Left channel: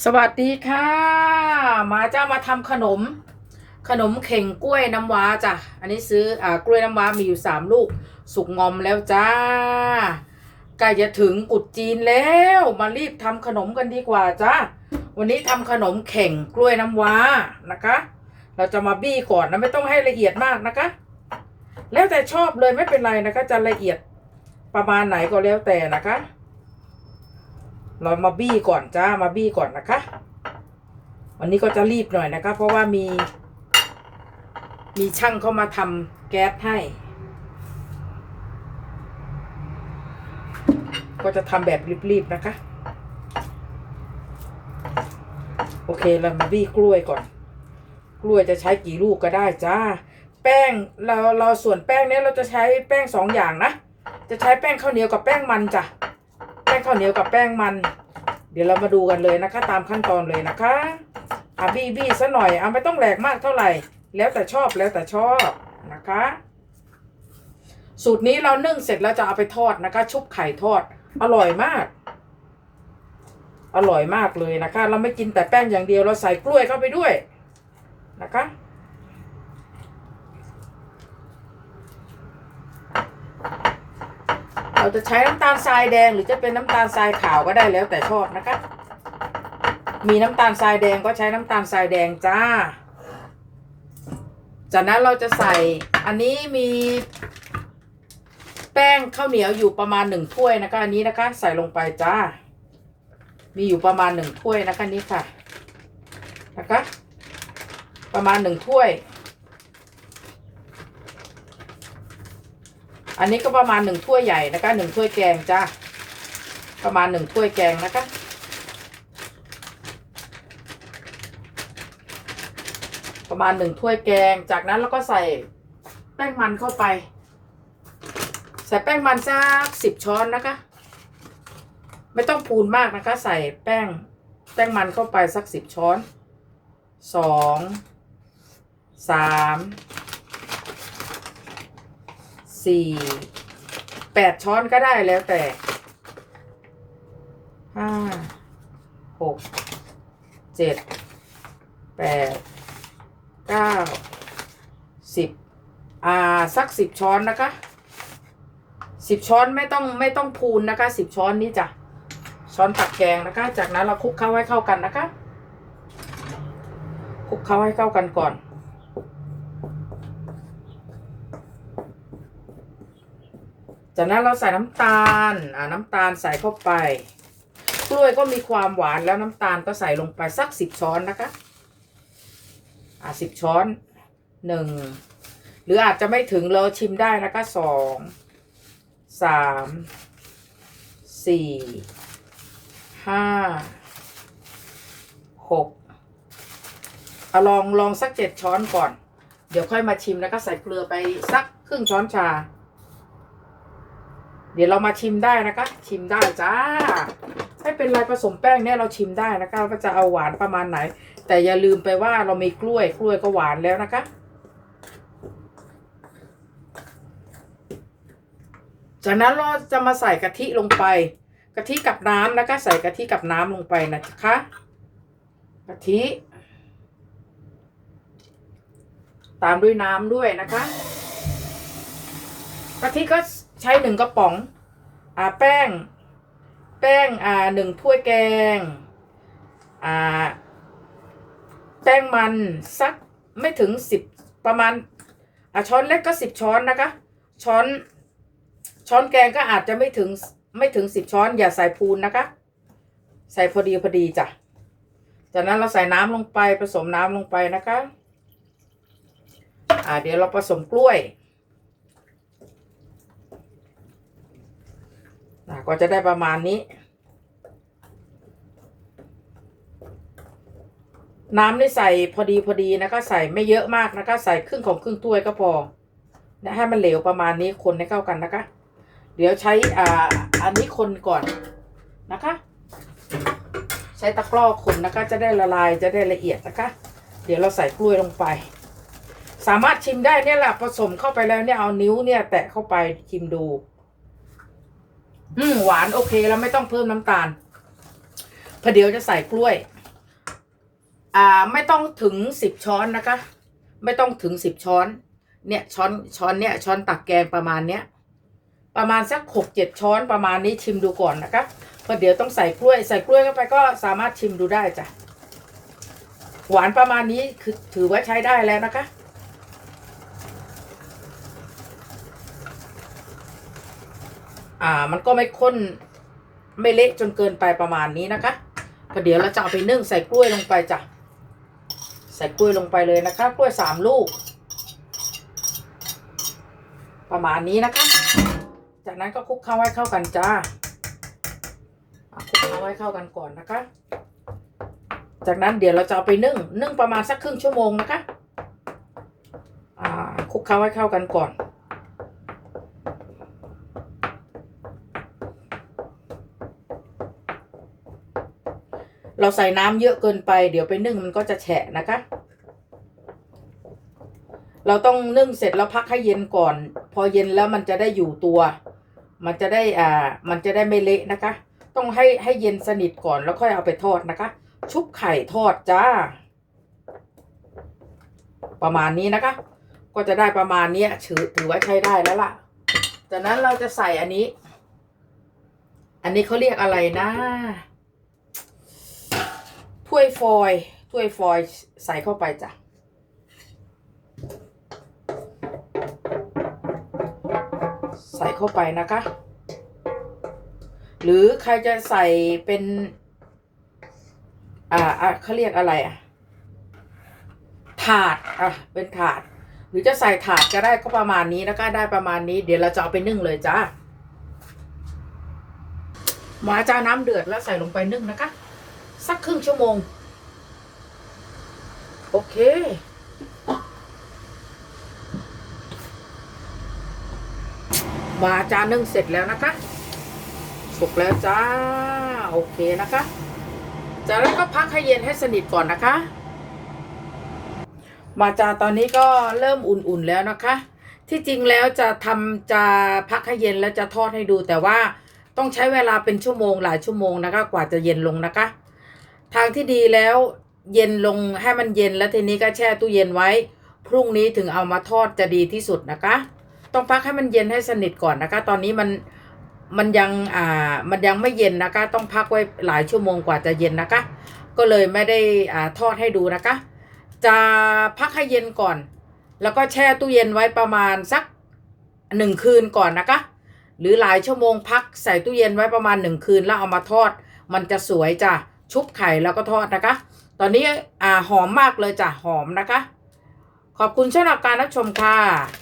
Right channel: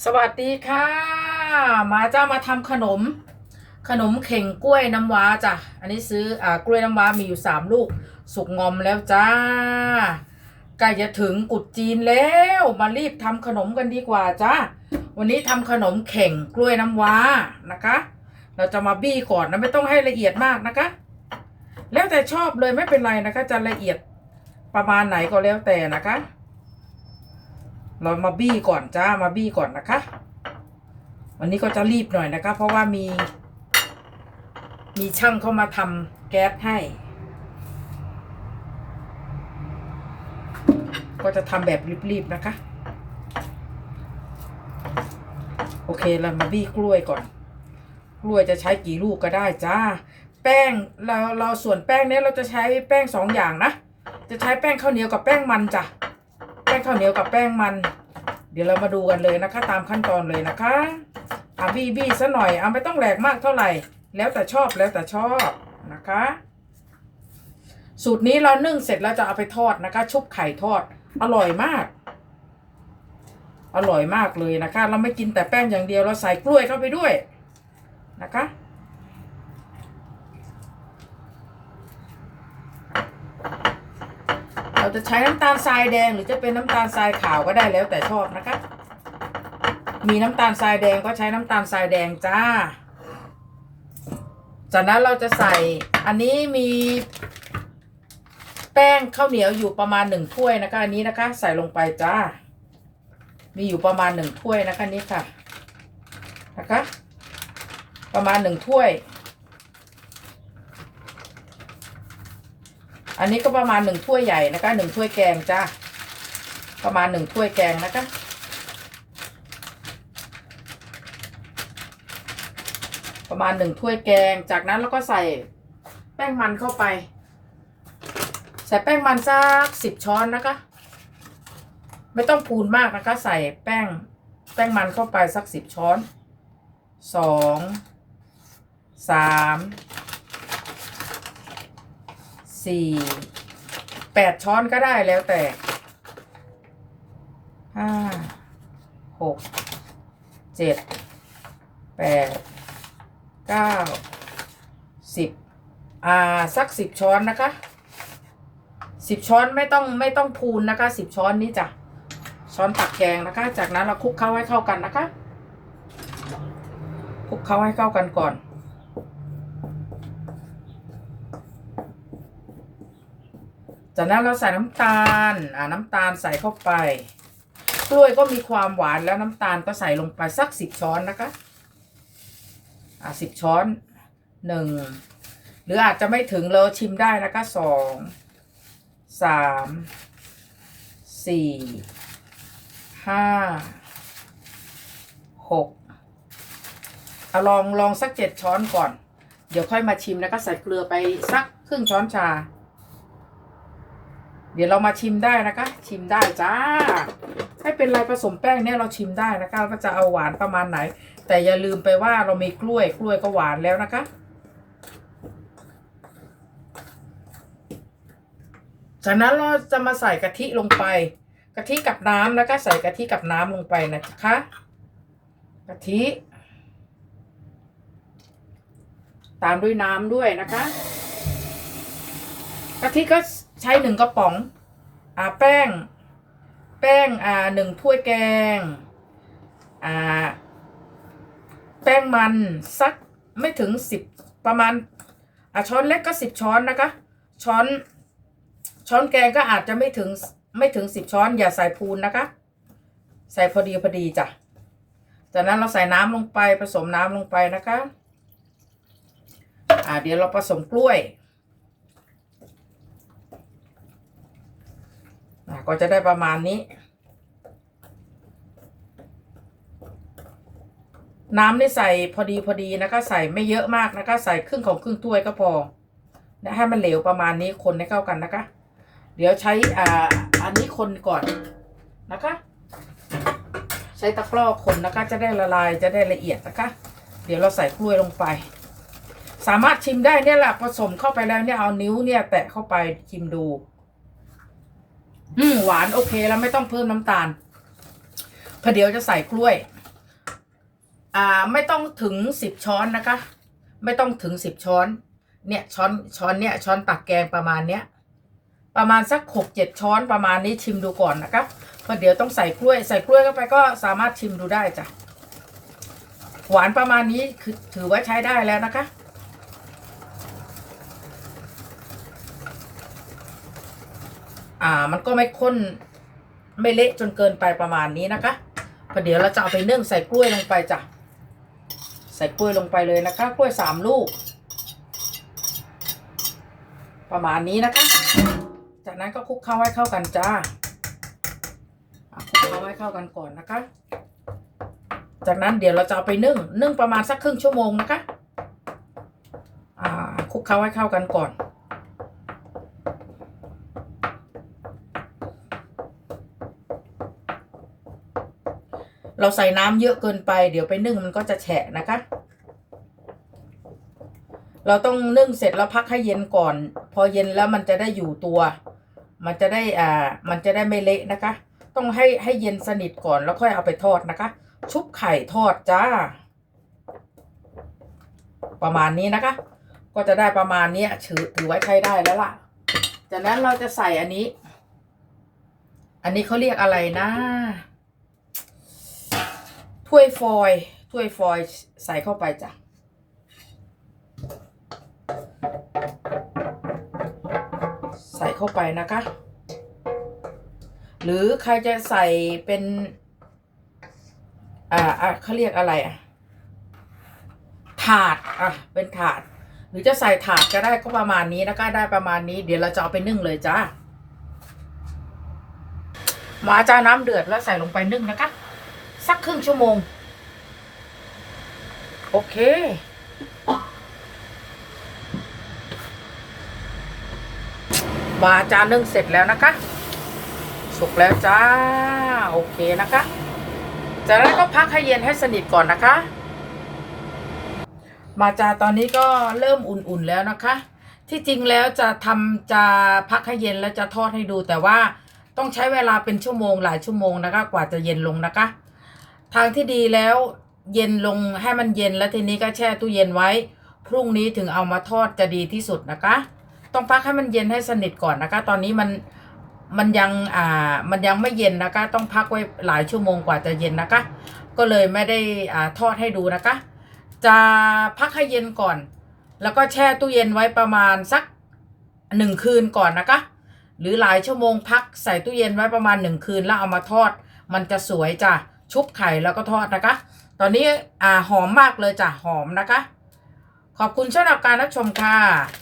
สวัสดีค่ะ มาเจ้ามาทำขนม ขนมเข่งกล้วยน้ำว้าจ้ะ อันนี้ซื้ออ่ากล้วยน้ำว้ามีอยู่สามลูก สุกงอมแล้วจ้าใกล้จะถึงกุดจีนแล้ว มารีบทำขนมกันดีกว่าจ้าวันนี้ทำขนมเข่งกล้วยน้ำว้านะคะ เราจะมาบี้ก่อนนะไม่ต้องให้ละเอียดมากนะคะ แล้วแต่ชอบเลยไม่เป็นไรนะคะ จะละเอียดประมาณไหนก็แล้วแต่นะคะ เรามาบี้ก่อนจ้ามาบี้ก่อนนะคะ วันนี้ก็จะรีบหน่อยนะคะ เพราะว่ามี มีช่างเข้ามาทำแก๊สให้ ก็จะทำแบบรีบๆนะคะ โอเคเรามาบี้กล้วยก่อน กล้วยจะใช้กี่ลูกก็ได้จ้า แป้งเราเราส่วนแป้งเนี้ยเราจะใช้แป้งสองอย่างนะ จะใช้แป้งข้าวเหนียวกับแป้งมันจ้ะแป้งข้าวเหนียวกับแป้งมัน เดี๋ยวเรามาดูกันเลยนะคะ ตามขั้นตอนเลยนะคะอะบี้บี้ซะหน่อยเอาไม่ต้องแหลกมากเท่าไหร่ แล้วแต่ชอบแล้วแต่ชอบนะคะ สูตรนี้เรานึ่งเสร็จแล้วจะเอาไปทอดนะคะ ชุบไข่ทอด อร่อยมาก อร่อยมากเลยนะคะ เราไม่กินแต่แป้งอย่างเดียวเราใส่กล้วยเข้าไปด้วยนะคะ เราจะใช้น้ำตาลทรายแดงหรือจะเป็นน้ำตาลทรายขาวก็ได้แล้วแต่ชอบนะคะ มีน้ำตาลทรายแดงก็ใช้น้ำตาลทรายแดงจ้า จากนั้นเราจะใส่อันนี้มีแป้งข้าวเหนียวอยู่ประมาณหนึ่งถ้วยนะคะ อันนี้นะคะ ใส่ลงไปจ้า มีอยู่ประมาณหนึ่งถ้วยนะคะนี่ค่ะ นะคะ ประมาณหนึ่งถ้วย อันนี้ก็ประมาณหนึ่งถ้วยใหญ่นะคะหนึ่งถ้วยแกงจ้าประมาณหนึ่งถ้วยแกงนะคะประมาณหนึ่งถ้วยแกง จากนั้นเราก็ใส่แป้งมันเข้าไป ใส่แป้งมันสักสิบช้อนนะคะ ไม่ต้องพูนมากนะคะ ใส่แป้งแป้งมันเข้าไปสักสิบช้อนสองสาม สี่แปดช้อนก็ได้แล้วแต่ห้าหกเจ็ดแปดเก้าสิบอ่าสักสิบช้อนนะคะสิบช้อนไม่ต้องไม่ต้องพูนนะคะสิบช้อนนี้จ้ะช้อนตักแกงนะคะ จากนั้นเราคลุกเข้าให้เข้ากันนะคะคลุกเข้าให้เข้ากันก่อน จากนั้นเราใส่น้ำตาล อ่าน้ำตาลใส่เข้าไป กล้วยก็มีความหวานแล้วน้ำตาลก็ใส่ลงไปสักสิบช้อนนะคะ อ่าสิบช้อนหนึ่งหรืออาจจะไม่ถึงเราชิมได้นะคะสองสามสี่ห้าหกเอาลองลองสักเจ็ดช้อนก่อน เดี๋ยวค่อยมาชิมนะคะใส่เกลือไปสักครึ่งช้อนชา เดี๋ยวเรามาชิมได้นะคะ ชิมได้จ้า ไม่เป็นไรผสมแป้งเนี่ยเราชิมได้นะคะว่าจะเอาหวานประมาณไหน แต่อย่าลืมไปว่าเรามีกล้วยกล้วยก็หวานแล้วนะคะจากนั้นเราจะมาใส่กะทิลงไป กะทิกับน้ำนะคะใส่กะทิกับน้ำลงไปนะคะกะทิ ตามด้วยน้ำด้วยนะคะกะทิก็ ใช้หนึ่งกระป๋องอ่าแป้ง แป้งอ่าหนึ่งถ้วยแกงอ่าแป้งมันสักไม่ถึงสิบประมาณอ่าช้อนเล็กก็สิบช้อนนะคะ ช้อนช้อนแกงก็อาจจะไม่ถึงไม่ถึงสิบช้อน อย่าใส่พูนนะคะ ใส่พอดีพอดีจ้ะจากนั้นเราใส่น้ำลงไปผสมน้ำลงไปนะคะ อ่าเดี๋ยวเราผสมกล้วย อะ ก็จะได้ประมาณนี้ น้ำนี่ใส่พอดีพอดีนะคะ ใส่ไม่เยอะมากนะคะ ใส่ครึ่งของครึ่งถ้วยก็พอนะให้มันเหลวประมาณนี้คนให้เข้ากันนะคะ เดี๋ยวใช้อ่าอันนี้คนก่อนนะคะ ใช้ตะกร้อคนนะคะ จะได้ละลายจะได้ละเอียดนะคะ เดี๋ยวเราใส่กล้วยลงไป สามารถชิมได้เนี่ยแหละผสมเข้าไปแล้วเนี่ยเอานิ้วเนี่ยแตะเข้าไปชิมดู อืมหวานโอเคแล้วไม่ต้องเพิ่มน้ำตาลพอเดี๋ยวจะใส่กล้วย อ่า ไม่ต้องถึงสิบช้อนนะคะ ไม่ต้องถึงสิบช้อน เนี่ยช้อนช้อนเนี่ยช้อนตักแกงประมาณเนี้ย ประมาณสักหกเจ็ดช้อนประมาณนี้ชิมดูก่อนนะคะพราะเดี๋ยวต้องใส่กล้วย ใส่กล้วยเข้าไปก็สามารถชิมดูได้จ้ะหวานประมาณนี้คือถือว่าใช้ได้แล้วนะคะ อ่ามันก็ไม่ข้นไม่เละจนเกินไปประมาณนี้นะคะพอเดี๋ยวเราจะเอาไปนึ่งใส่กล้วยลงไปจ้ะใส่กล้วยลงไปเลยนะคะ กล้วยสามลูก ประมาณนี้นะคะ จากนั้นก็คลุกเคล้าให้เข้ากันจ้าอะคลุกเคล้าให้เข้ากันก่อนนะคะ จากนั้นเดี๋ยวเราจะเอาไปนึ่งนึ่งประมาณสักครึ่งชั่วโมงนะคะอ่าคลุกเคล้าให้เข้ากันก่อน เราใส่น้ำเยอะเกินไป เดี๋ยวไปนึ่งมันก็จะแฉะนะคะ เราต้องนึ่งเสร็จแล้วพักให้เย็นก่อน พอเย็นแล้วมันจะได้อยู่ตัว มันจะได้อ่า มันจะได้ไม่เละนะคะ ต้องให้ให้เย็นสนิทก่อนแล้วค่อยเอาไปทอดนะคะ ชุบไข่ทอดจ้า ประมาณนี้นะคะ ก็จะได้ประมาณนี้ถือถือว่าใช้ได้แล้วล่ะ จากนั้นเราจะใส่อันนี้ อันนี้เขาเรียกอะไรนะ ถ้วยฟอยล์ถ้วยฟอยล์ใส่เข้าไปจ้ะใส่เข้าไปนะคะ หรือใครจะใส่เป็น อ่าเขาเรียกอะไรอะ ถาด อะ เป็นถาด หรือจะใส่ถาดก็ได้ก็ประมาณนี้นะคะได้ประมาณนี้ เดี๋ยวเราจะเอาไปนึ่งเลยจ้ามาจ้าน้ำเดือดแล้วใส่ลงไปนึ่งนะคะ สักครึ่งชั่วโมง โอเค มาจานนึ่งเสร็จแล้วนะคะ สุกแล้วจ้า โอเคนะคะ จากนั้นก็พักให้เย็นให้สนิทก่อนนะคะ มาจาตอนนี้ก็เริ่มอุ่นๆแล้วนะคะ ที่จริงแล้วจะทำจะพักให้เย็นแล้วจะทอดให้ดูแต่ว่าต้องใช้เวลาเป็นชั่วโมงหลายชั่วโมงนะคะ กว่าจะเย็นลงนะคะ ทางที่ดีแล้วเย็นลงให้มันเย็นแล้วทีนี้ก็แช่ตู้เย็นไว้ พรุ่งนี้ถึงเอามาทอดจะดีที่สุดนะคะ ต้องพักให้มันเย็นให้สนิทก่อนนะคะ ตอนนี้มันมันยังอ่ามันยังไม่เย็นนะคะ ต้องพักไว้หลายชั่วโมงกว่าจะเย็นนะคะ ก็เลยไม่ได้อ่าทอดให้ดูนะคะ จะพักให้เย็นก่อน แล้วก็แช่ตู้เย็นไว้ประมาณสักหนึ่งคืนก่อนนะคะ หรือหลายชั่วโมงพักใส่ตู้เย็นไว้ประมาณหนึ่งคืนแล้วเอามาทอด มันจะสวยจ้ะ ชุบไข่แล้วก็ทอดนะคะ ตอนนี้อ่าหอมมากเลยจ้ะหอมนะคะ ขอบคุณสำหรับการรับชมค่ะ